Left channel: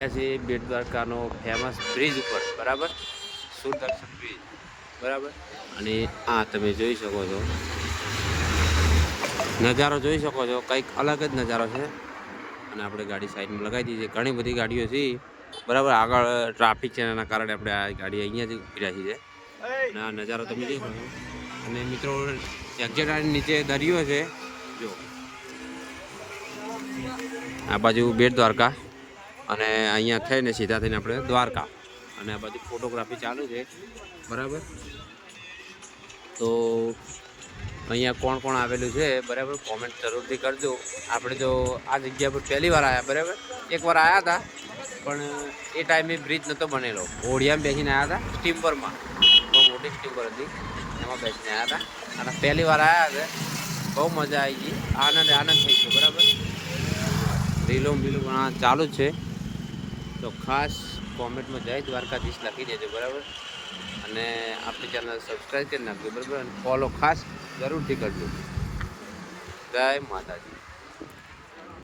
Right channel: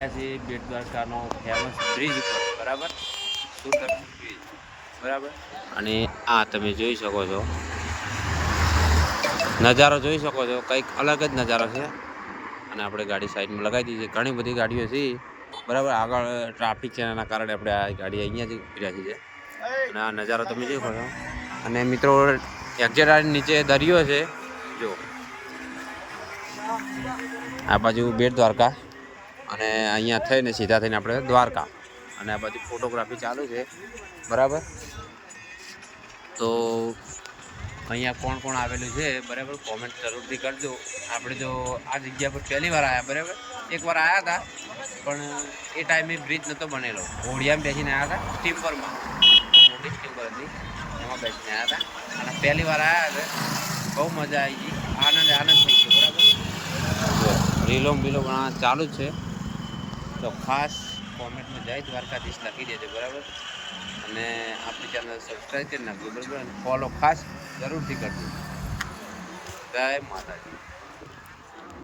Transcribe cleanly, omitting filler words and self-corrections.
બેટ દ્વારકાનો famous bridge ઉપર બરાબર, Sudarshan bridge બરાબર. અને આ તમે જોઈ શકો છો નજારો, જોઈ શકો છો કંઈક અલગ જ નજારો છે. અને આપણે ગાડી સાઈડમાં લગાવી દીધી છે. ઘણી બધી ગાડીઓ છે બરાબર. આગળ ટ્રાફિક છે એના કારણે આપણે આ ગાડી અહીંયા જ ઉભી રાખી છે. અને આ નજારો તમે જોઈ શકો છો. અને મિત્રો એક્ઝેટ નીચે દરિયો છે જો, આ બાજુ બેટ દ્વારકા અને અહીંયા થઈને સીધા થઈને આપણે દ્વારકા. અને આ બાજુ ફોટોગ્રાફી ચાલુ છે બરાબર. તો અહીંયા કોણ કોણ આવેલું છે બરાબર, કોમેન્ટ જરૂરથી કરજો. આપણે તો આ જગ્યા પર પહેલી વાર આવ્યા બરાબર. એકવાર આવ્યા હતા પણ એ ટાઈમે બ્રિજ નહોતો બનેલો. ઘોડિયામાં બેસીને આવ્યા હતા, સ્ટીમરમાં, બહુ મોટી સ્ટીમર હતી એમાં બેસીને આવ્યા હતા. અને પહેલી વાર આવ્યા હતા, બહુ મજા આવી ગઈ, આનંદ થઈ ગયો બરાબર. રીલો બીલો પણ ચાલુ જ છે. તો ખાસ કોમેન્ટમાં જય દ્વારકાધીશ લખી દેજો બરાબર. અને આપણી ચેનલ સબસ્ક્રાઈબ કરી નાખજો બરાબર. અને ફોલો ખાસ જરૂરથી કરજો. જય માતાજી.